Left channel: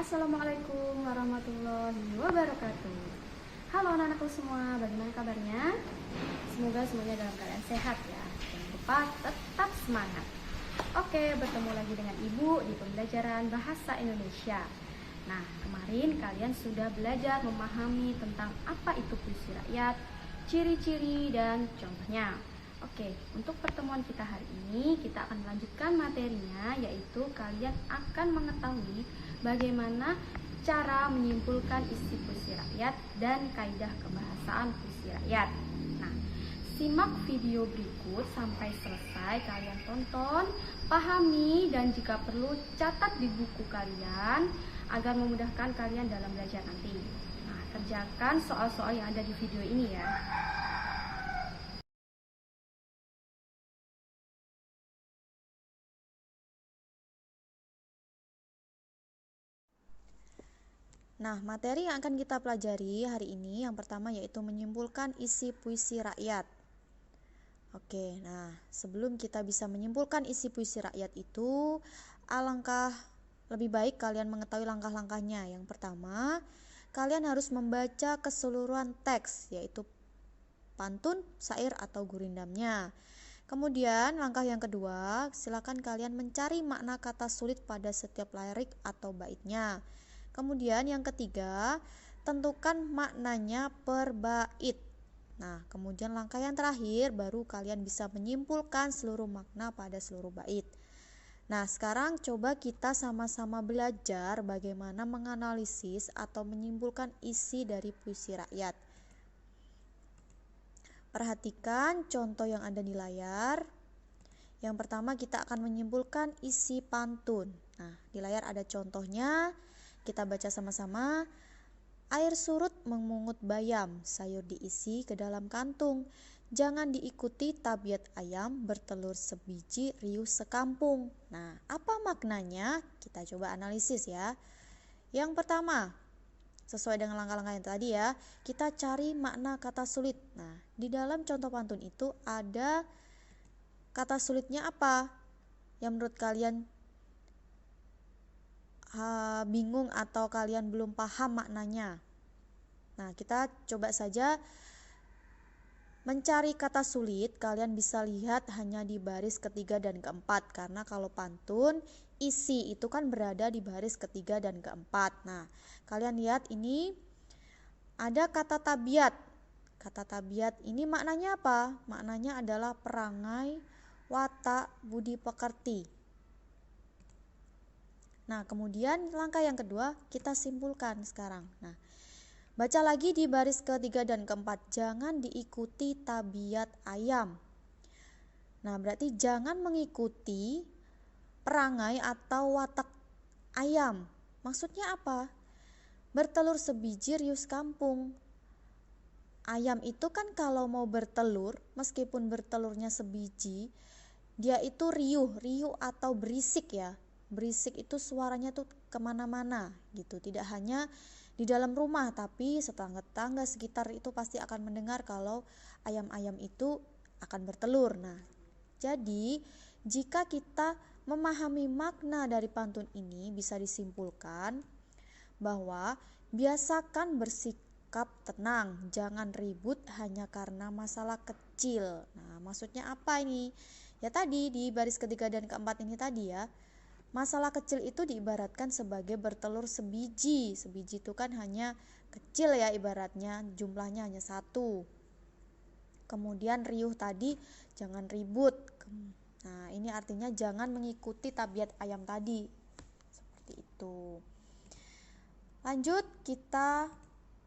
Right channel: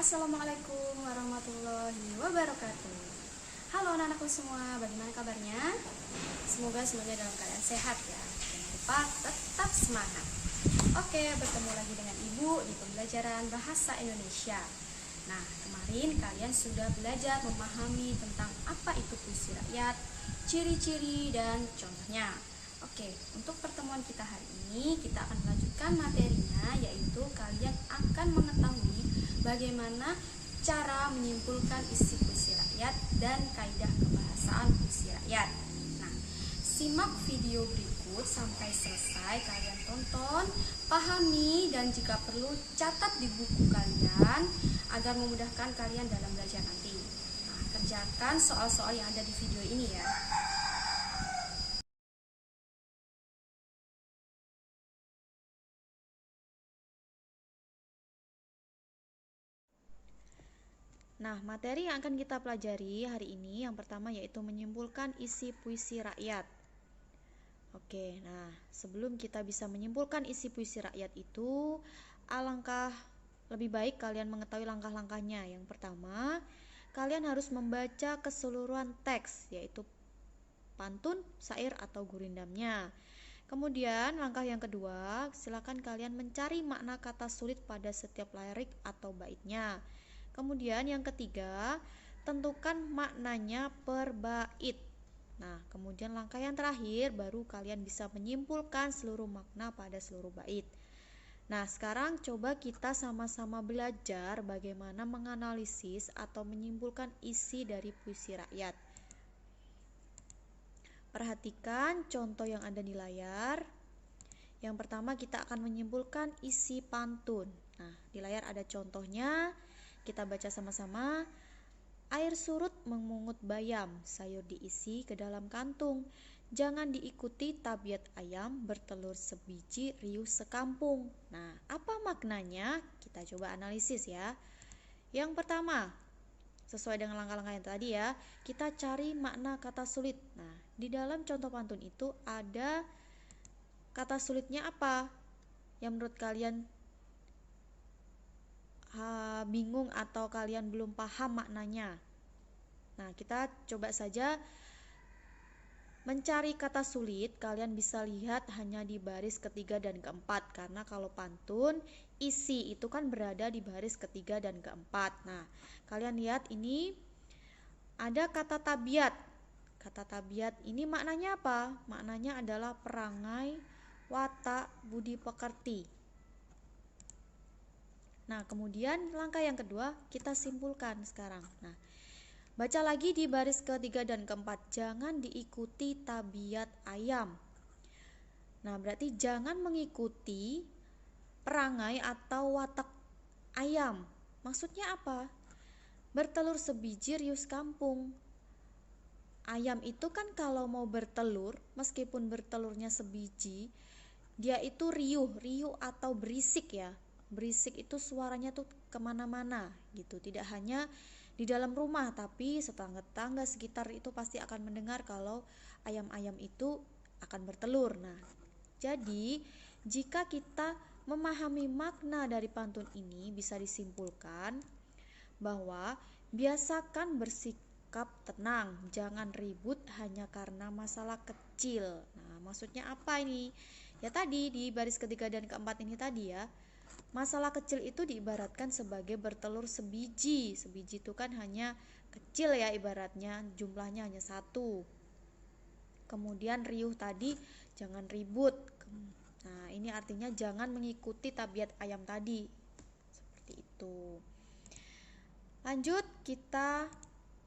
Assalamualaikum warahmatullahi wabarakatuh. Halo anak-anakku semua, bagaimana kabarnya? Semoga semuanya dalam keadaan sehat ya. Jangan lupa tetap semangat. Oke, bertemu lagi dengan Ibu di pembelajaran Bahasa Indonesia. Nah, kemarin kalian sudah belajar memahami tentang apa itu puisi rakyat, ciri-ciri dan contohnya. Oke, untuk pertemuan kita hari ini kita akan melanjutkan materinya, yaitu kalian akan mengetahui bagaimana cara menyimpulkan isi puisi rakyat dan kaidah kebahasaan puisi rakyat. Nah, simak video berikut sampai selesai, kalian tonton, pahami, dan jika perlu catat di buku kalian agar memudahkan kalian dalam belajar nanti. Nah, kerjakan soal-soal yang ada di video ini ya. Nah, materi yang akan kita pelajari hari ini yang pertama yaitu menyimpulkan isi puisi rakyat. Oke, nah sebelum kita bisa menyimpulkan isi puisi rakyat itu, alangkah lebih baik kalian mengetahui langkah-langkahnya. Yang pertama, kalian harus membaca keseluruhan teks, yaitu pantun, syair, atau gurindamnya. Kemudian langkah yang kedua, silakan kalian mencari makna kata sulit pada setiap lirik atau baitnya. Kemudian yang ketiga, tentukan maknanya per bait. Nah, kemudian langkah yang terakhir baru kalian bisa menyimpulkan seluruh makna pada seluruh bait. Nah, sekarang coba kita sama-sama belajar bagaimana menganalisis atau menyimpulkan isi dari puisi rakyat. Perhatikan contoh yang ada di layar. Yang pertama kita akan menyimpulkan isi pantun. Nah, di layar ada contohnya. Kita baca sama-sama. Air surut memungut bayam, sayur diisi ke dalam kantung. Jangan diikuti tabiat ayam, bertelur sebiji, riuh sekampung. Nah, apa maknanya? Kita coba analisis ya. Yang pertama, sesuai dengan langkah-langkah yang tadi ya, kita cari makna kata sulit. Nah, di dalam contoh pantun itu ada kata sulitnya apa? Yang menurut kalian bingung atau kalian belum paham maknanya. Nah, kita coba saja mencari kata sulit. Kalian bisa lihat hanya di baris ketiga dan keempat, karena kalau pantun isi itu kan berada di baris ketiga dan keempat. Nah, kalian lihat ini ada kata tabiat. Kata tabiat ini maknanya apa? Maknanya adalah perangai, watak, budi pekerti. Nah, kemudian langkah yang kedua kita simpulkan sekarang. Nah, baca lagi di baris ketiga dan keempat. Jangan diikuti tabiat ayam. Nah, berarti jangan mengikuti perangai atau watak ayam. Maksudnya apa? Bertelur sebiji riuh kampung. Ayam itu kan kalau mau bertelur, meskipun bertelurnya sebiji, dia itu riuh atau berisik ya. Berisik itu suaranya tuh kemana-mana gitu. Tidak hanya di dalam rumah, tapi tetangga-tetangga sekitar itu pasti akan mendengar kalau ayam-ayam itu akan bertelur. Nah, jadi jika kita memahami makna dari pantun ini, bisa disimpulkan bahwa biasakan bersikap tenang, jangan ribut hanya karena masalah kecil. Nah, maksudnya apa ini? Ya tadi di baris ketiga dan keempat ini tadi ya. Masalah kecil itu diibaratkan sebagai bertelur sebiji. Sebiji itu kan hanya kecil ya ibaratnya, jumlahnya hanya satu. Kemudian riuh tadi, jangan ribut. Nah, ini artinya jangan mengikuti tabiat ayam tadi. Seperti itu. Lanjut, kita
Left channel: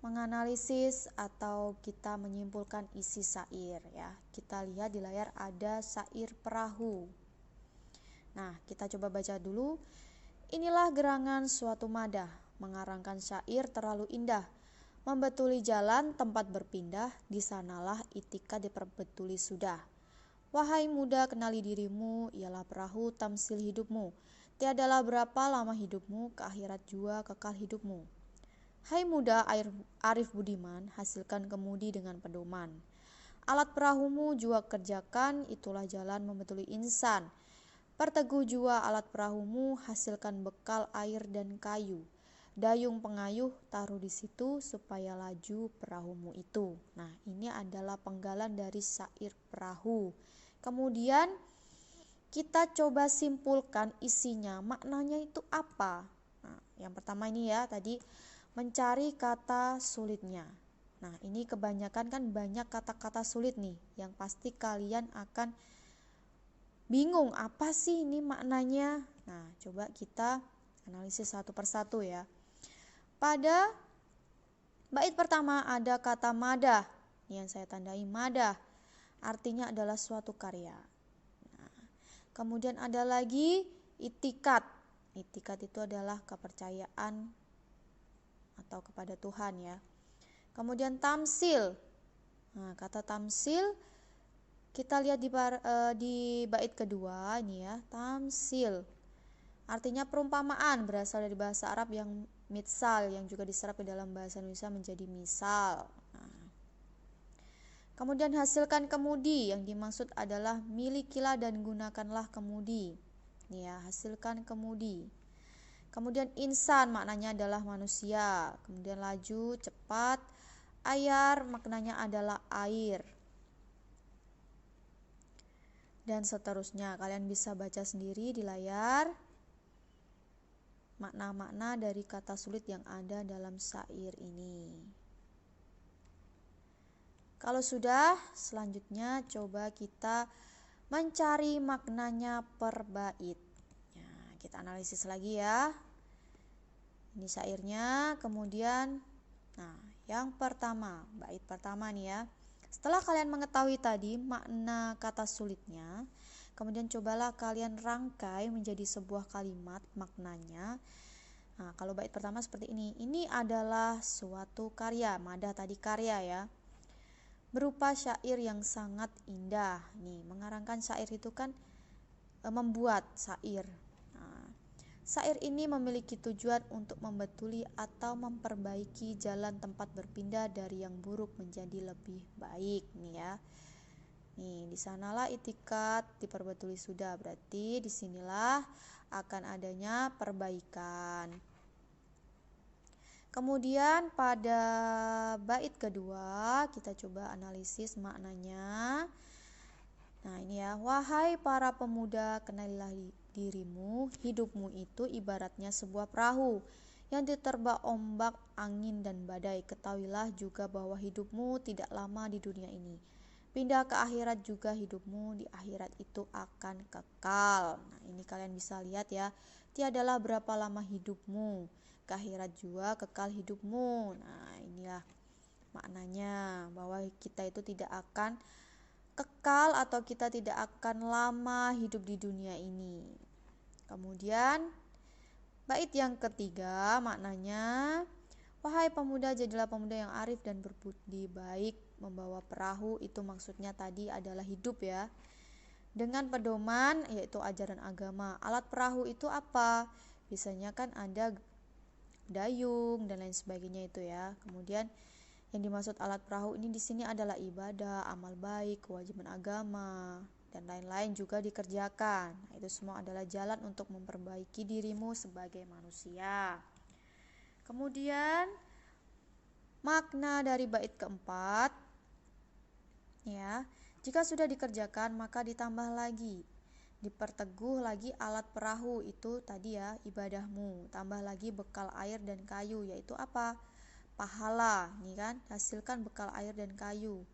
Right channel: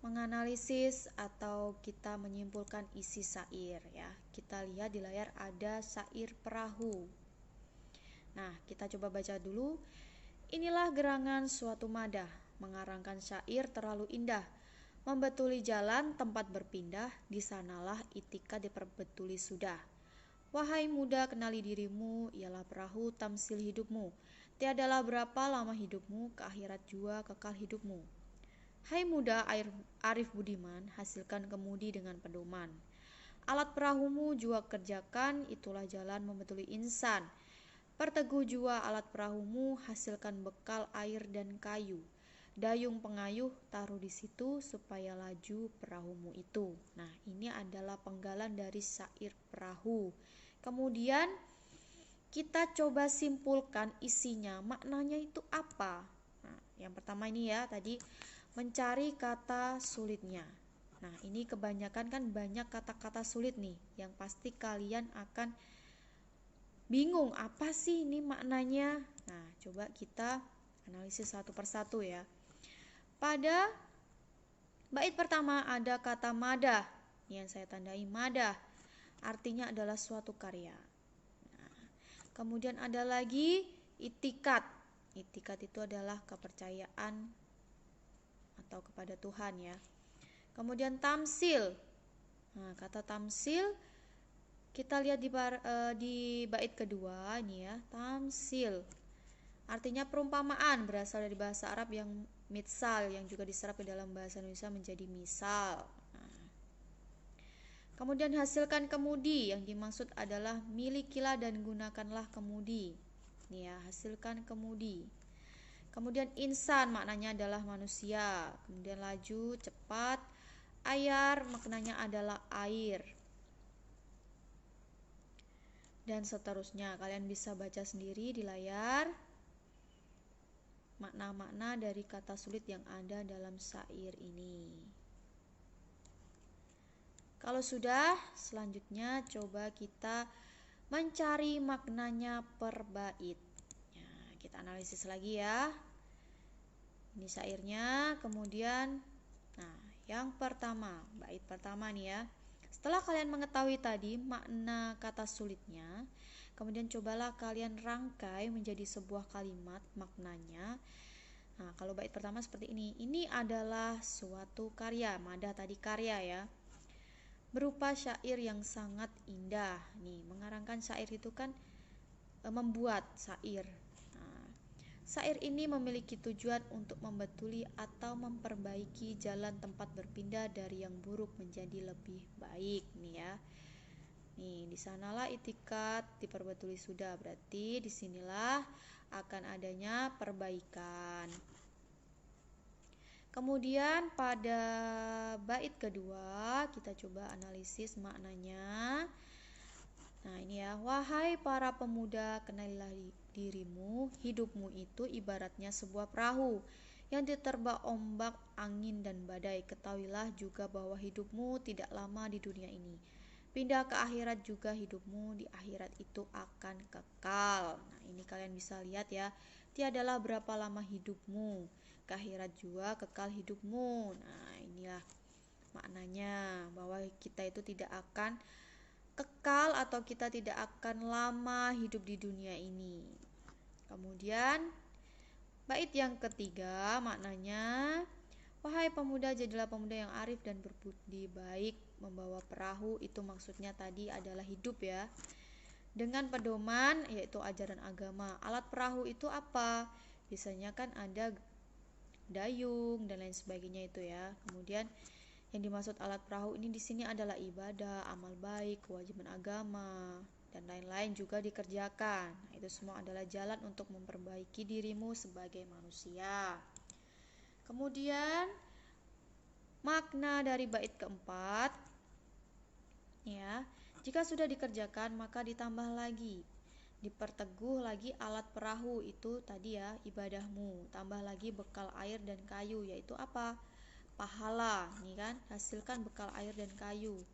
menganalisis atau kita menyimpulkan isi syair ya. Kita lihat di layar ada syair perahu. Nah, kita coba baca dulu. Inilah gerangan suatu madah, mengarangkan syair terlalu indah. Membetuli jalan tempat berpindah, di sanalah itika diperbetuli sudah. Wahai muda, kenali dirimu, ialah perahu tamsil hidupmu. Tiadalah berapa lama hidupmu, ke akhirat jua kekal hidupmu. Hai muda arif budiman, hasilkan kemudi dengan pedoman. Alat perahumu jua kerjakan, itulah jalan membetuli insan. Perteguh jua alat perahumu, hasilkan bekal air dan kayu. Dayung pengayuh taruh di situ supaya laju perahumu itu. Nah, ini adalah penggalan dari syair perahu. Kemudian kita coba simpulkan isinya, maknanya itu apa. Nah, yang pertama ini ya, tadi mencari kata sulitnya. Nah, ini kebanyakan kan banyak kata-kata sulit nih, yang pasti kalian akan bingung apa sih ini maknanya. Nah, coba kita analisis satu persatu ya. Pada bait pertama ada kata madah, yang saya tandai madah, artinya adalah suatu karya. Nah, kemudian ada lagi itikat. Itikat itu adalah kepercayaan atau kepada Tuhan ya. Kemudian tamsil. Nah, kata tamsil kita lihat di bait kedua ini ya, tamsil. Artinya perumpamaan, berasal dari bahasa Arab yang mitsal, yang juga diserap ke dalam bahasa Indonesia menjadi misal. Nah, kemudian hasilkan kemudi, yang dimaksud adalah milikilah dan gunakanlah kemudi. Ini ya, hasilkan kemudi. Kemudian insan maknanya adalah manusia. Kemudian laju, cepat. Ayar maknanya adalah air. Dan seterusnya, kalian bisa baca sendiri di layar makna-makna dari kata sulit yang ada dalam syair ini. Kalau sudah, selanjutnya coba kita mencari maknanya per bait. Nah, kita analisis lagi ya. Ini syairnya, kemudian yang pertama, bait pertama nih ya. Setelah kalian mengetahui tadi makna kata sulitnya, kemudian cobalah kalian rangkai menjadi sebuah kalimat maknanya. Nah, kalau bait pertama seperti ini. Ini adalah suatu karya, madah tadi karya ya. Berupa syair yang sangat indah. Nih, mengarangkan syair itu kan membuat syair. Nah, syair ini memiliki tujuan untuk membetuli atau memperbaiki jalan tempat berpindah dari yang buruk menjadi lebih baik nih ya. Nih, di sanalah itikat diperbetuli sudah, berarti disinilah akan adanya perbaikan. Kemudian pada bait kedua kita coba analisis maknanya. Nah, ini ya, wahai para pemuda, kenalilah dirimu, hidupmu itu ibaratnya sebuah perahu yang diterpa ombak, angin dan badai. Ketahuilah juga bahwa hidupmu tidak lama di dunia ini. Pindah ke akhirat juga, hidupmu di akhirat itu akan kekal. Nah, ini kalian bisa lihat ya. Tiadalah berapa lama hidupmu, ke akhirat juga kekal hidupmu. Nah, inilah maknanya, bahwa kita itu tidak akan kekal atau kita tidak akan lama hidup di dunia ini. Kemudian bait yang ketiga maknanya, wahai pemuda, jadilah pemuda yang arif dan berbudi baik, membawa perahu. Itu maksudnya tadi adalah hidup ya, dengan pedoman yaitu ajaran agama. Alat perahu itu apa? Biasanya kan ada dayung dan lain sebagainya itu ya. Kemudian yang dimaksud alat perahu ini di sini adalah ibadah, amal baik, kewajiban agama dan lain-lain juga dikerjakan. Itu semua adalah jalan untuk memperbaiki dirimu sebagai manusia. Kemudian makna dari bait keempat ya, jika sudah dikerjakan maka ditambah lagi, diperteguh lagi alat perahu itu tadi ya, ibadahmu, tambah lagi bekal air dan kayu, yaitu apa? Pahala, nih kan, hasilkan bekal air dan kayu.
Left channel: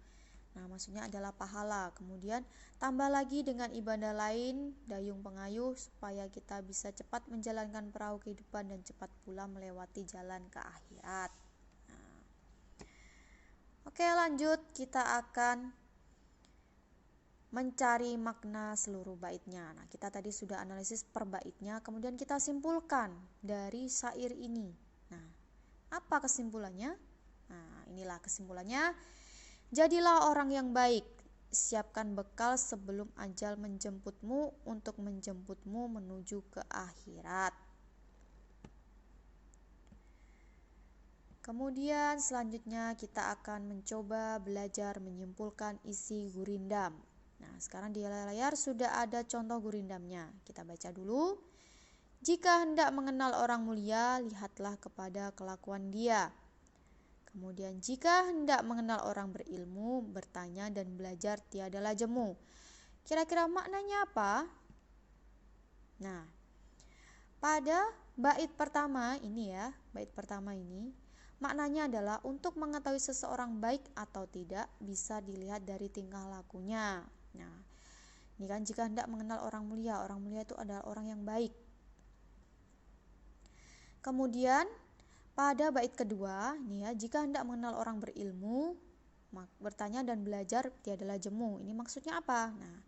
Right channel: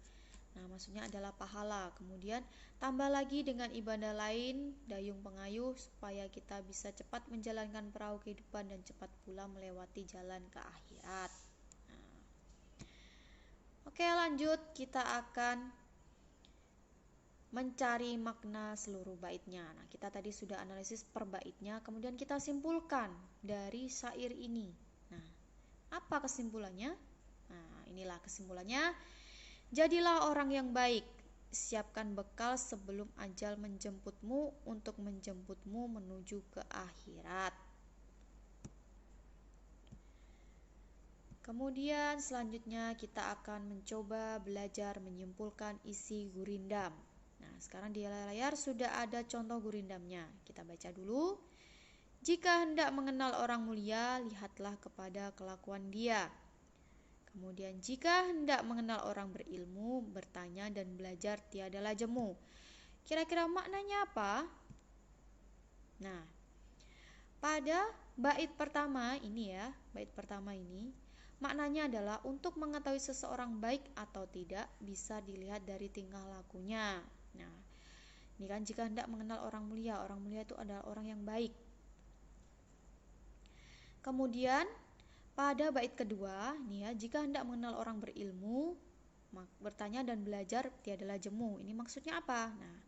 Nah, maksudnya adalah pahala. Kemudian tambah lagi dengan ibadah lain, dayung pengayuh, supaya kita bisa cepat menjalankan perahu kehidupan dan cepat pula melewati jalan ke akhirat. Oke, lanjut, kita akan mencari makna seluruh baitnya. Nah, kita tadi sudah analisis per baitnya, kemudian kita simpulkan dari syair ini. Nah, apa kesimpulannya? Nah, inilah kesimpulannya. Jadilah orang yang baik, siapkan bekal sebelum ajal menjemputmu untuk menjemputmu menuju ke akhirat. Kemudian selanjutnya kita akan mencoba belajar menyimpulkan isi gurindam. Nah, sekarang di layar sudah ada contoh gurindamnya. Kita baca dulu. Jika hendak mengenal orang mulia, lihatlah kepada kelakuan dia. Kemudian jika hendak mengenal orang berilmu, bertanya dan belajar tiadalah jemu. Kira-kira maknanya apa? Nah, pada bait pertama ini ya, maknanya adalah untuk mengetahui seseorang baik atau tidak bisa dilihat dari tingkah lakunya. Nah, ini kan jika hendak mengenal orang mulia itu adalah orang yang baik. Kemudian pada bait kedua, nih ya, jika hendak mengenal orang berilmu, bertanya dan belajar tiadalah jemu. Ini maksudnya apa? Nah,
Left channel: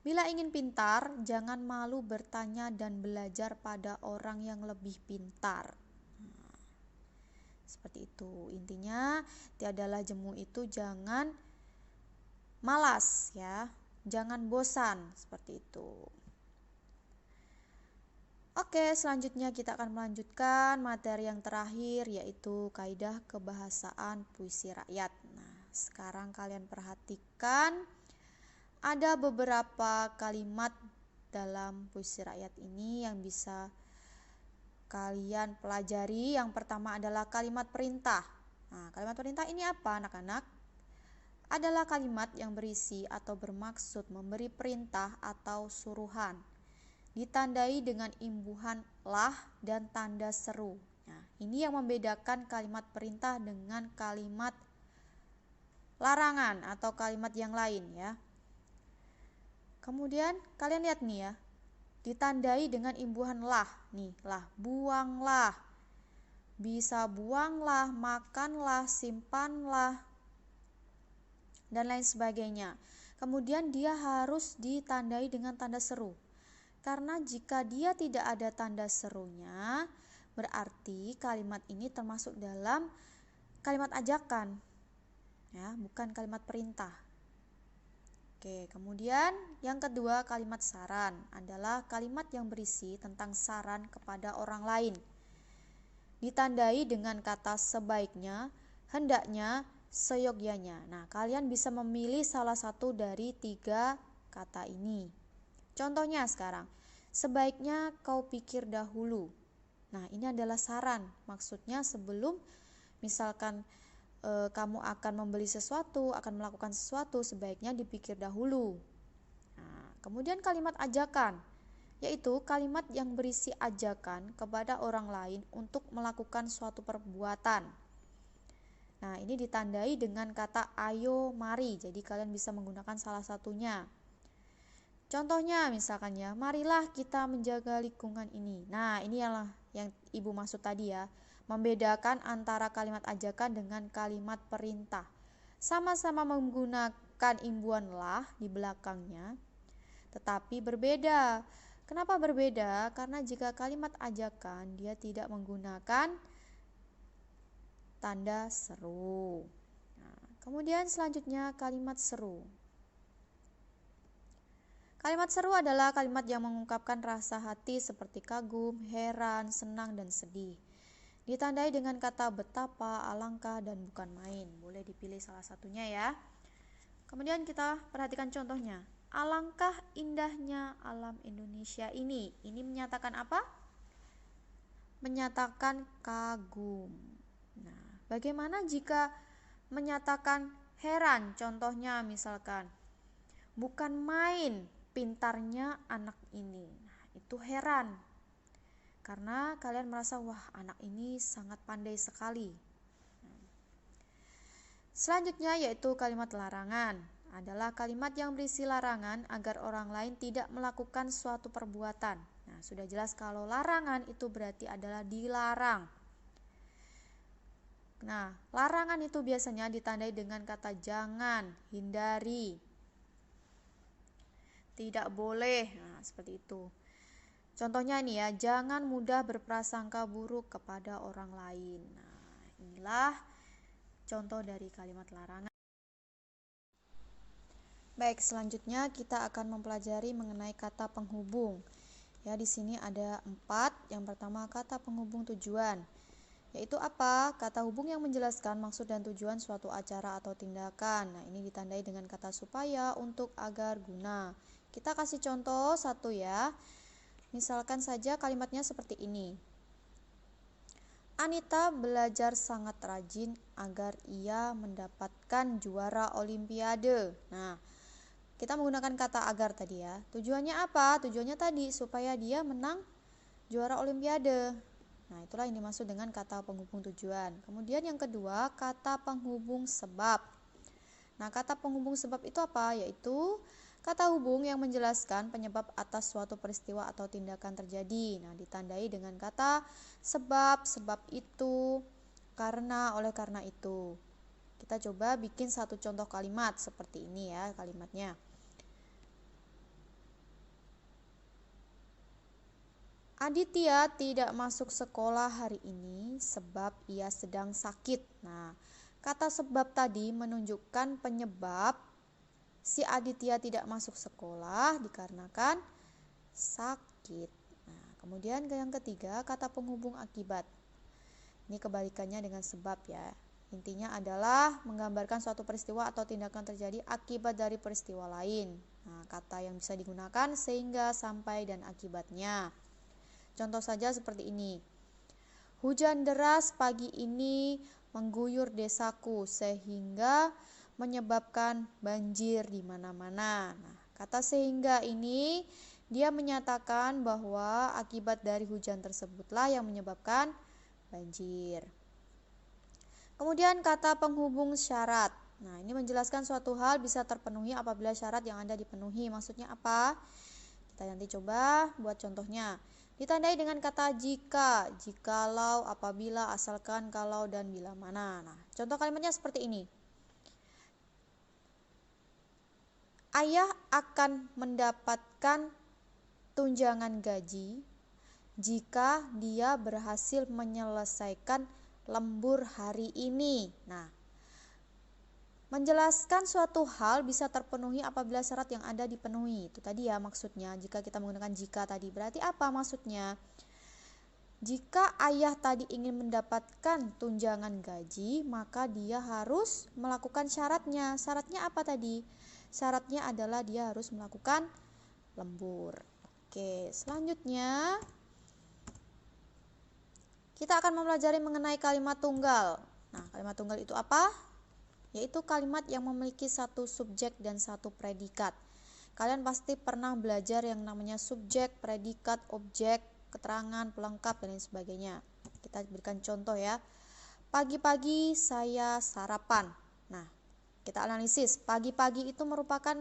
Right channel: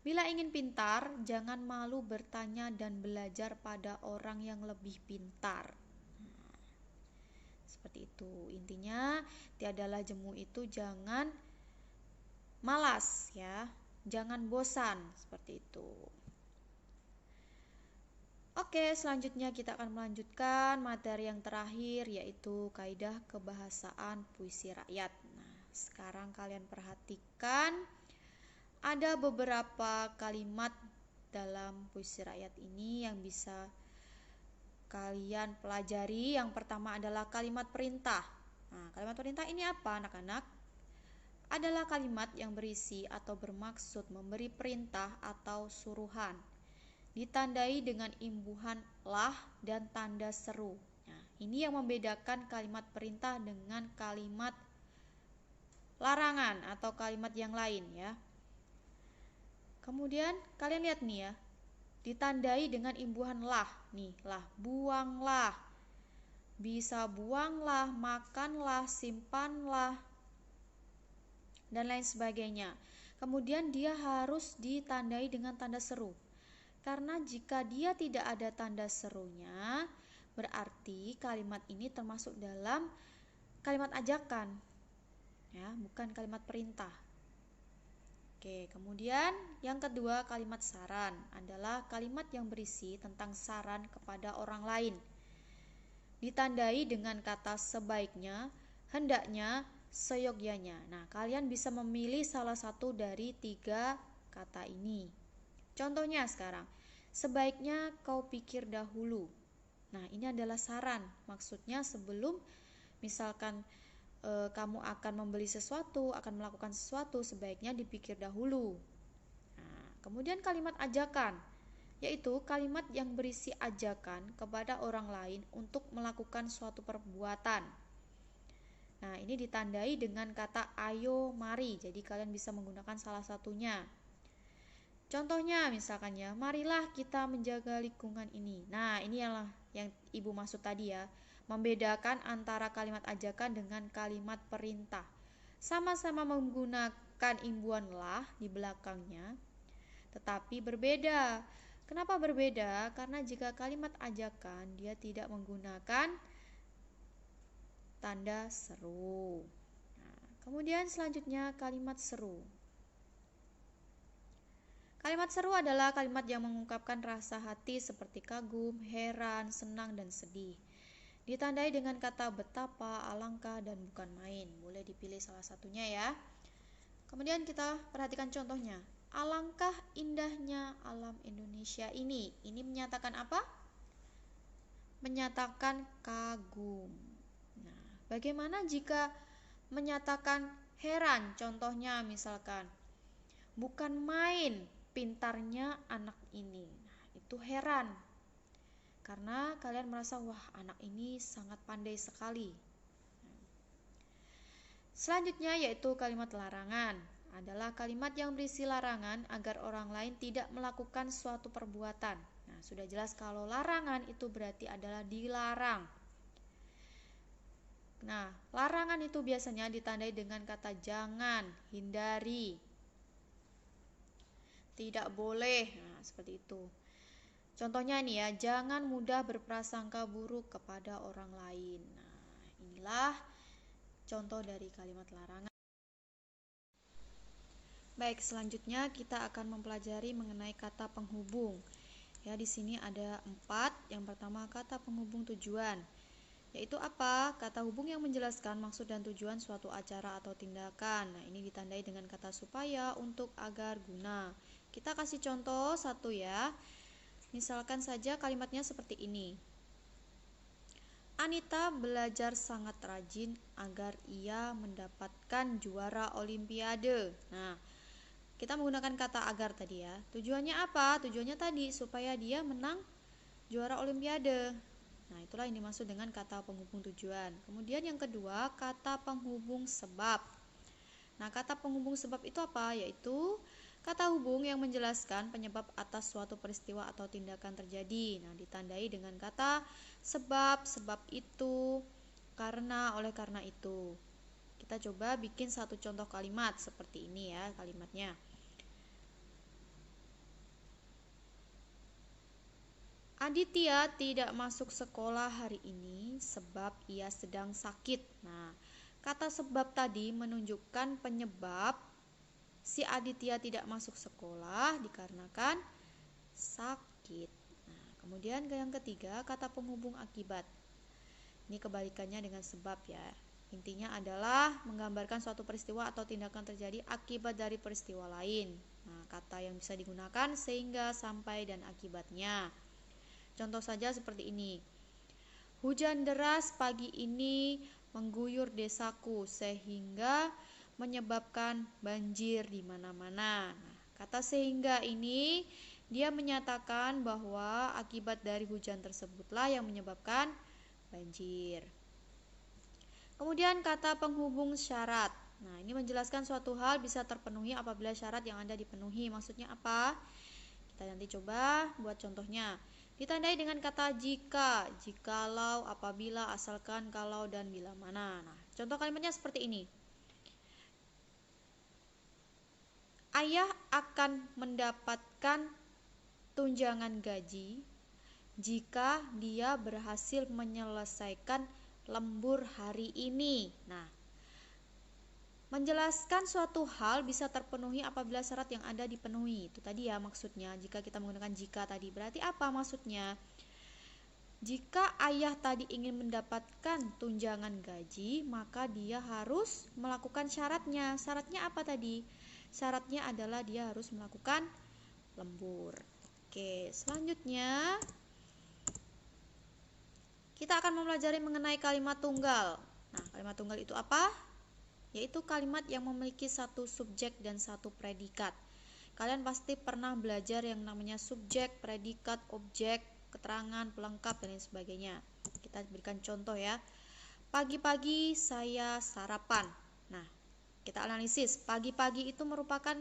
bila ingin pintar, jangan malu bertanya dan belajar pada orang yang lebih pintar. Nah, seperti itu. Intinya, tiadalah jemu itu jangan malas ya, jangan bosan, seperti itu. Oke, selanjutnya kita akan melanjutkan materi yang terakhir, yaitu kaidah kebahasaan puisi rakyat. Nah, sekarang kalian perhatikan ada beberapa kalimat dalam puisi rakyat ini yang bisa kalian pelajari. Yang pertama adalah kalimat perintah. Nah, kalimat perintah ini apa, anak-anak? Adalah kalimat yang berisi atau bermaksud memberi perintah atau suruhan, ditandai dengan imbuhan lah dan tanda seru. Nah, ini yang membedakan kalimat perintah dengan kalimat larangan atau kalimat yang lain ya. Kemudian kalian lihat nih ya, ditandai dengan imbuhan lah. Nih, lah, buanglah, bisa buanglah, makanlah, simpanlah, dan lain sebagainya. Kemudian dia harus ditandai dengan tanda seru. Karena jika dia tidak ada tanda serunya, berarti kalimat ini termasuk dalam kalimat ajakan, ya, bukan kalimat perintah. Oke, kemudian yang kedua, kalimat saran adalah kalimat yang berisi tentang saran kepada orang lain, ditandai dengan kata sebaiknya, hendaknya, seyogyanya. Nah, kalian bisa memilih salah satu dari 3 kata ini. Contohnya sekarang, sebaiknya kau pikir dahulu. Nah, ini adalah saran. Maksudnya sebelum misalkan kamu akan membeli sesuatu, akan melakukan sesuatu, sebaiknya dipikir dahulu. Nah, kemudian kalimat ajakan, yaitu kalimat yang berisi ajakan kepada orang lain untuk melakukan suatu perbuatan. Nah, ini ditandai dengan kata ayo, mari. Jadi kalian bisa menggunakan salah satunya. Contohnya misalkan ya, marilah kita menjaga lingkungan ini. Nah, ini yang Ibu maksud tadi ya, membedakan antara kalimat ajakan dengan kalimat perintah. Sama-sama menggunakan imbuhan lah di belakangnya, tetapi berbeda. Kenapa berbeda? Karena jika kalimat ajakan dia tidak menggunakan tanda seru. Nah, kemudian selanjutnya kalimat seru. Kalimat seru adalah kalimat yang mengungkapkan rasa hati seperti kagum, heran, senang, dan sedih. Ditandai dengan kata betapa, alangkah, dan bukan main. Boleh dipilih salah satunya ya. Kemudian kita perhatikan contohnya. Alangkah indahnya alam Indonesia ini. Ini menyatakan apa? Menyatakan kagum. Nah, bagaimana jika menyatakan heran? Contohnya misalkan, bukan main pintarnya anak ini. Itu heran. Karena kalian merasa, wah, anak ini sangat pandai sekali. Selanjutnya yaitu kalimat larangan. Adalah kalimat yang berisi larangan agar orang lain tidak melakukan suatu perbuatan. Nah, sudah jelas kalau larangan itu berarti adalah dilarang. Nah, larangan itu biasanya ditandai dengan kata jangan, hindari, tidak boleh. Nah, seperti itu. Contohnya nih ya, jangan mudah berprasangka buruk kepada orang lain. Nah, inilah contoh dari kalimat larangan. Baik, selanjutnya kita akan mempelajari mengenai kata penghubung. Ya, di sini ada 4. Yang pertama kata penghubung tujuan. Yaitu apa? Kata hubung yang menjelaskan maksud dan tujuan suatu acara atau tindakan. Nah, ini ditandai dengan kata supaya, untuk, agar, guna. Kita kasih contoh satu ya. Misalkan saja kalimatnya seperti ini. Anita belajar sangat rajin agar ia mendapatkan juara olimpiade. Nah, kita menggunakan kata agar tadi ya. Tujuannya apa? Tujuannya tadi supaya dia menang juara olimpiade. Nah, itulah yang dimaksud dengan kata penghubung tujuan. Kemudian yang kedua, kata penghubung sebab. Nah, kata penghubung sebab itu apa? Yaitu kata hubung yang menjelaskan penyebab atas suatu peristiwa atau tindakan terjadi. Nah, ditandai dengan kata sebab, sebab itu, karena, oleh karena itu. Kita coba bikin satu contoh kalimat seperti ini ya kalimatnya. Aditya tidak masuk sekolah hari ini sebab ia sedang sakit. Nah, kata sebab tadi menunjukkan penyebab si Aditya tidak masuk sekolah dikarenakan sakit. Nah, kemudian yang ketiga, kata penghubung akibat. Ini kebalikannya dengan sebab ya. Intinya adalah menggambarkan suatu peristiwa atau tindakan terjadi akibat dari peristiwa lain. Nah, kata yang bisa digunakan sehingga, sampai, dan akibatnya. Contoh saja seperti ini. Hujan deras pagi ini mengguyur desaku sehingga menyebabkan banjir di mana-mana. Nah, kata sehingga ini dia menyatakan bahwa akibat dari hujan tersebutlah yang menyebabkan banjir. Kemudian kata penghubung syarat. Nah, ini menjelaskan suatu hal bisa terpenuhi apabila syarat yang ada dipenuhi. Maksudnya apa? Kita nanti coba buat contohnya. Ditandai dengan kata jika, jikalau, apabila, asalkan, kalau, dan bila mana. Nah, contoh kalimatnya seperti ini. Ayah akan mendapatkan tunjangan gaji jika dia berhasil menyelesaikan lembur hari ini. Nah, menjelaskan suatu hal bisa terpenuhi apabila syarat yang ada dipenuhi. Itu tadi ya maksudnya. Jika kita menggunakan jika tadi, berarti apa maksudnya? Jika ayah tadi ingin mendapatkan tunjangan gaji, maka dia harus melakukan syaratnya. Syaratnya apa tadi? Syaratnya adalah dia harus melakukan lembur. Oke, selanjutnya kita akan mempelajari mengenai kalimat tunggal. Nah, kalimat tunggal itu apa? Yaitu kalimat yang memiliki satu subjek dan satu predikat. Kalian pasti pernah belajar yang namanya subjek, predikat, objek, keterangan, pelengkap, dan lain sebagainya. Kita berikan contoh ya. Pagi-pagi saya sarapan. Nah, kita analisis. Pagi-pagi itu merupakan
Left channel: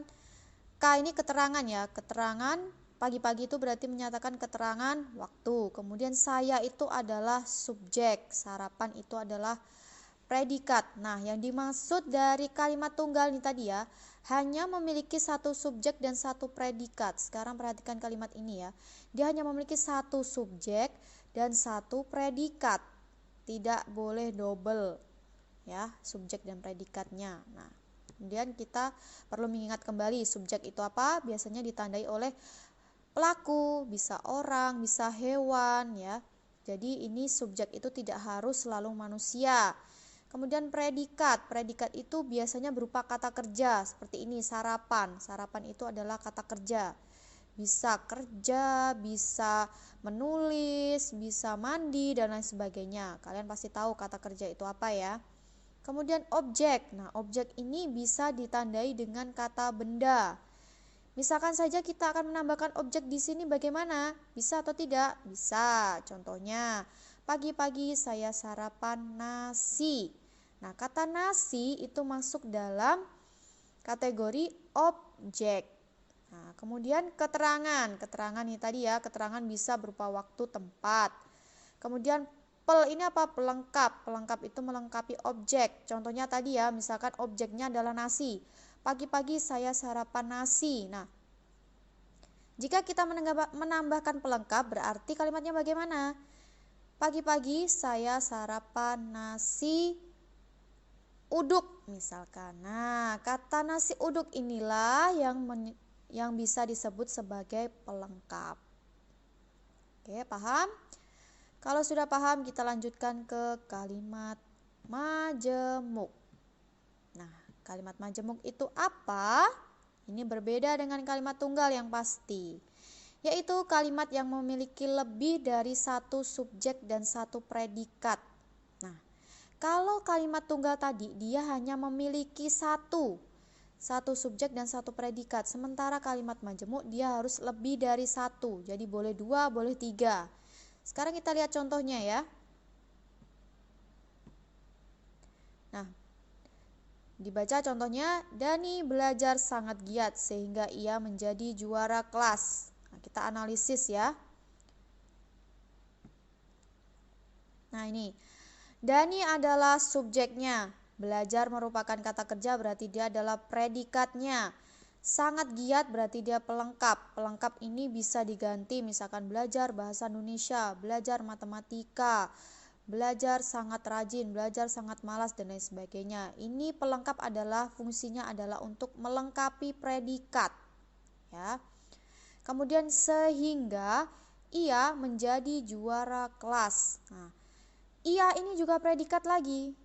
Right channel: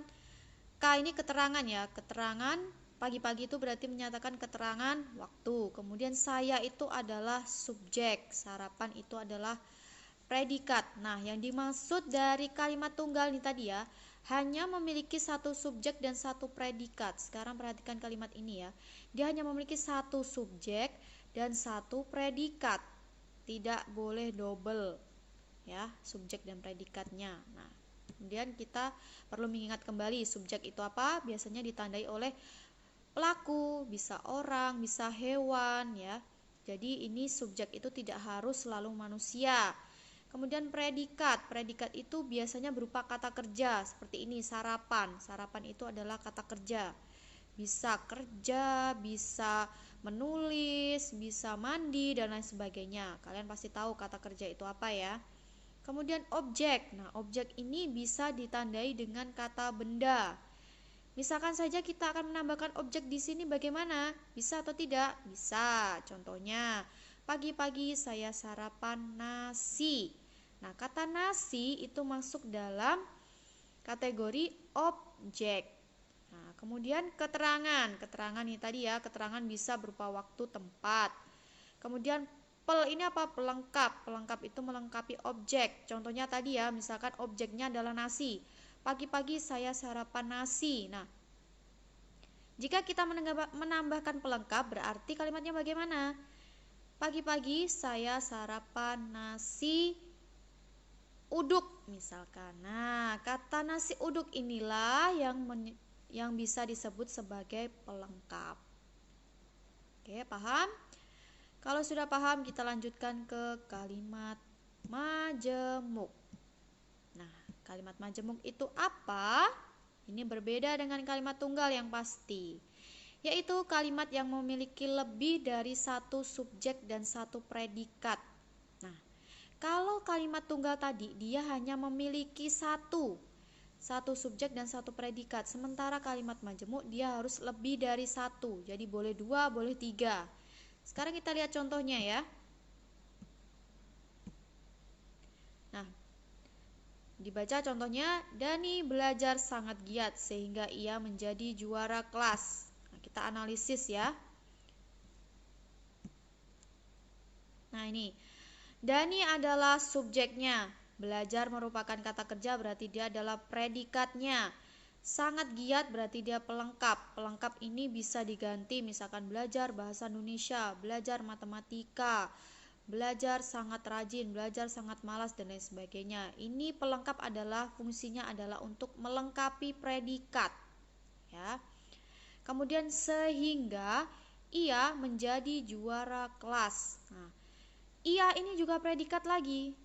K ini keterangan ya. Keterangan pagi-pagi itu berarti menyatakan keterangan waktu. Kemudian saya itu adalah subjek. Sarapan itu adalah predikat. Nah, yang dimaksud dari kalimat tunggal ini tadi ya, hanya memiliki satu subjek dan satu predikat. Sekarang perhatikan kalimat ini ya. Dia hanya memiliki satu subjek dan satu predikat. Tidak boleh double ya, subjek dan predikatnya. Nah, kemudian kita perlu mengingat kembali subjek itu apa? Biasanya ditandai oleh pelaku, bisa orang, bisa hewan ya. Jadi ini subjek itu tidak harus selalu manusia. Kemudian predikat itu biasanya berupa kata kerja seperti ini, sarapan. Sarapan itu adalah kata kerja. Bisa kerja, bisa menulis, bisa mandi, dan lain sebagainya. Kalian pasti tahu kata kerja itu apa ya. Kemudian objek. Nah, objek ini bisa ditandai dengan kata benda. Misalkan saja kita akan menambahkan objek di sini bagaimana? Bisa atau tidak? Bisa. Contohnya, pagi-pagi saya sarapan nasi. Nah, kata nasi itu masuk dalam kategori objek. Nah, kemudian keterangan. Keterangan ini tadi ya, keterangan bisa berupa waktu, tempat. Kemudian pel ini apa? Pelengkap. Pelengkap itu melengkapi objek. Contohnya tadi ya, misalkan objeknya adalah nasi. Pagi-pagi saya sarapan nasi. Nah, jika kita menambahkan pelengkap berarti kalimatnya bagaimana? Pagi-pagi saya sarapan nasi uduk misalkan. Nah, kata nasi uduk inilah yang bisa disebut sebagai pelengkap. Oke, paham? Kalau sudah paham, kita lanjutkan ke kalimat majemuk. Nah, kalimat majemuk itu apa? Ini berbeda dengan kalimat tunggal yang pasti. yaitu kalimat yang memiliki lebih dari satu subjek dan satu predikat. Nah, kalau kalimat tunggal tadi dia hanya memiliki satu subjek dan satu predikat, sementara kalimat majemuk dia harus lebih dari satu, jadi boleh dua, boleh tiga. Sekarang kita lihat contohnya ya. Nah, dibaca contohnya, Dani belajar sangat giat sehingga ia menjadi juara kelas. Nah, kita analisis ya. Nah, ini Dani adalah subjeknya. Belajar merupakan kata kerja, berarti dia adalah predikatnya. Sangat giat berarti dia pelengkap. Pelengkap ini bisa diganti misalkan belajar bahasa Indonesia, belajar matematika, belajar sangat rajin, belajar sangat malas, dan lain sebagainya. Ini pelengkap adalah fungsinya adalah untuk melengkapi predikat. Ya. Kemudian sehingga ia menjadi juara kelas. Nah, ia ini juga predikat lagi,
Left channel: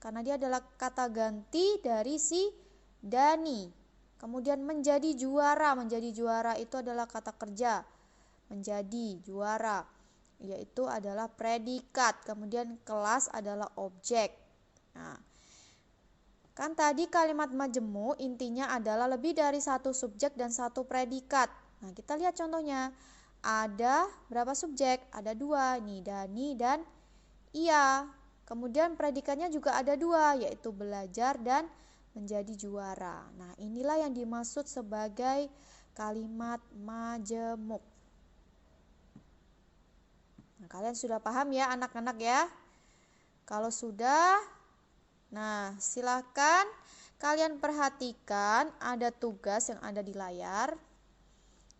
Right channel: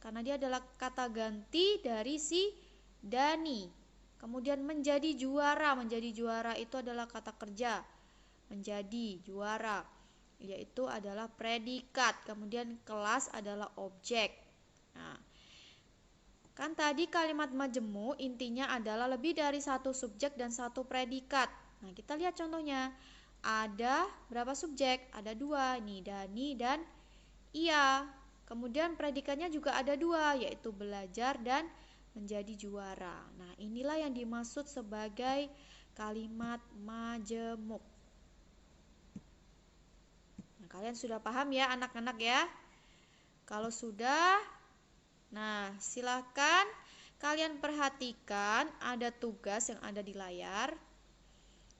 karena dia adalah kata ganti dari si Dani. Kemudian menjadi juara itu adalah kata kerja. Menjadi juara, yaitu adalah predikat. Kemudian kelas adalah objek. Nah, kan tadi kalimat majemuk intinya adalah lebih dari satu subjek dan satu predikat. Nah, kita lihat contohnya. Ada berapa subjek? Ada dua, nih Dani dan ia. Kemudian predikatnya juga ada dua, yaitu belajar dan menjadi juara. Nah, inilah yang dimaksud sebagai kalimat majemuk. Nah, kalian sudah paham ya anak-anak ya? Kalau sudah, nah silakan kalian perhatikan ada tugas yang ada di layar.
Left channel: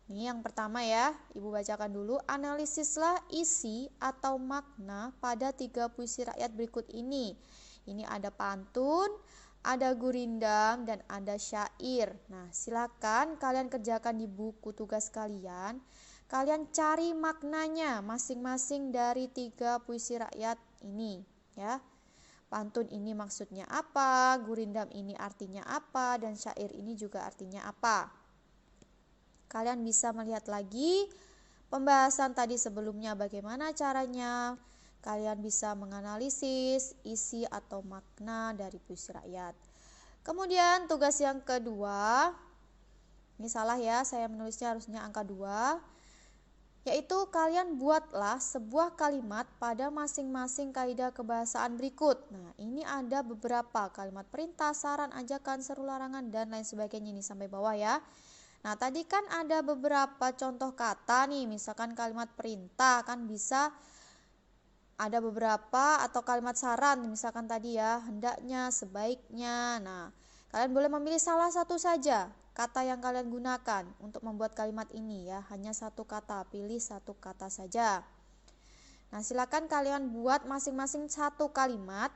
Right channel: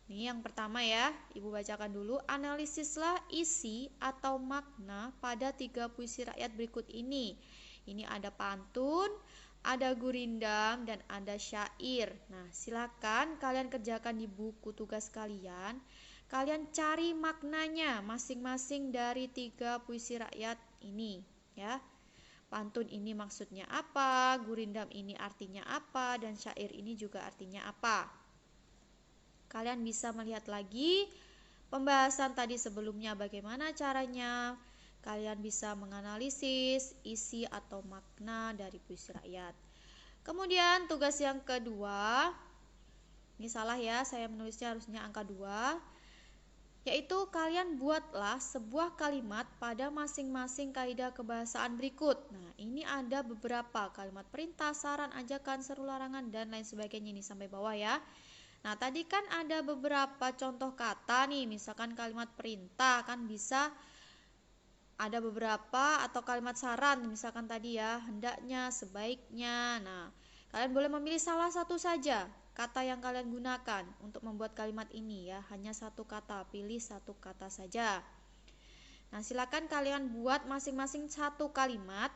Nih yang pertama ya, Ibu bacakan dulu. Analisislah isi atau makna pada 3 puisi rakyat berikut ini. Ini ada pantun, ada gurindam, dan ada syair. Nah, silakan kalian kerjakan di buku tugas kalian. Kalian cari maknanya masing-masing dari 3 puisi rakyat ini ya. Pantun ini maksudnya apa, gurindam ini artinya apa, dan syair ini juga artinya apa. Kalian bisa melihat lagi pembahasan tadi sebelumnya bagaimana caranya. Kalian bisa menganalisis isi atau makna dari puisi rakyat. Kemudian tugas yang kedua, ini salah ya, saya menulisnya harusnya angka 2, yaitu kalian buatlah sebuah kalimat pada masing-masing kaidah kebahasaan berikut. Nah, ini ada beberapa kalimat perintah, saran, ajakan, seru, larangan, dan lain sebagainya. Ini sampai bawah ya. Nah, tadi kan ada beberapa contoh kata nih, misalkan kalimat perintah kan bisa ada beberapa, atau kalimat saran misalkan tadi ya, hendaknya, sebaiknya. Nah, kalian boleh memilih salah satu saja kata yang kalian gunakan untuk membuat kalimat ini ya, hanya satu kata, pilih satu kata saja. Nah, silakan kalian buat masing-masing satu kalimat.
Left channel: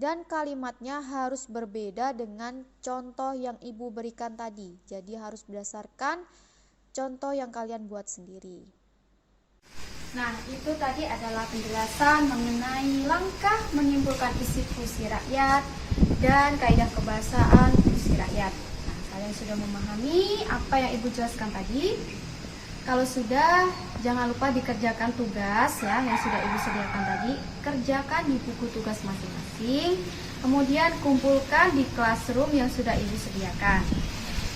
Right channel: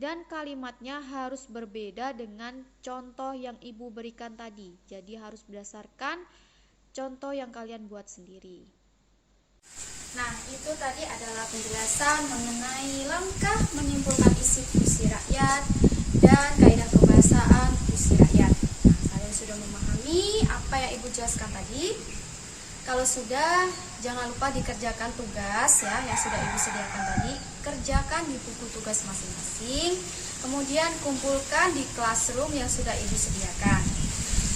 Dan kalimatnya harus berbeda dengan contoh yang Ibu berikan tadi. Jadi harus berdasarkan contoh yang kalian buat sendiri. Nah, itu tadi adalah penjelasan mengenai langkah menyimpulkan isi puisi rakyat dan kaidah kebahasaan puisi rakyat. Nah, kalian sudah memahami apa yang Ibu jelaskan tadi? Kalau sudah, jangan lupa dikerjakan tugas ya yang sudah Ibu sediakan tadi. Kerjakan di buku tugas masing-masing. Kemudian kumpulkan di classroom yang sudah Ibu sediakan.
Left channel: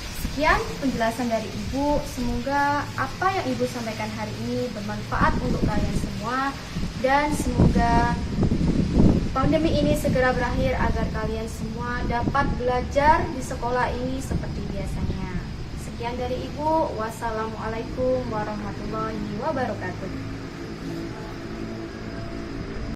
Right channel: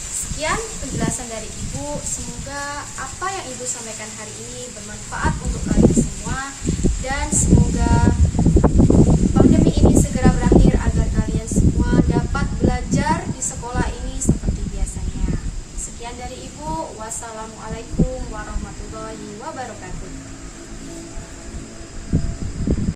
Sekian penjelasan dari Ibu. Semoga apa yang Ibu sampaikan hari ini bermanfaat untuk kalian semua. Dan semoga pandemi ini segera berakhir agar kalian semua dapat belajar di sekolah ini seperti biasanya. Sekian dari Ibu. Wassalamualaikum warahmatullahi wabarakatuh.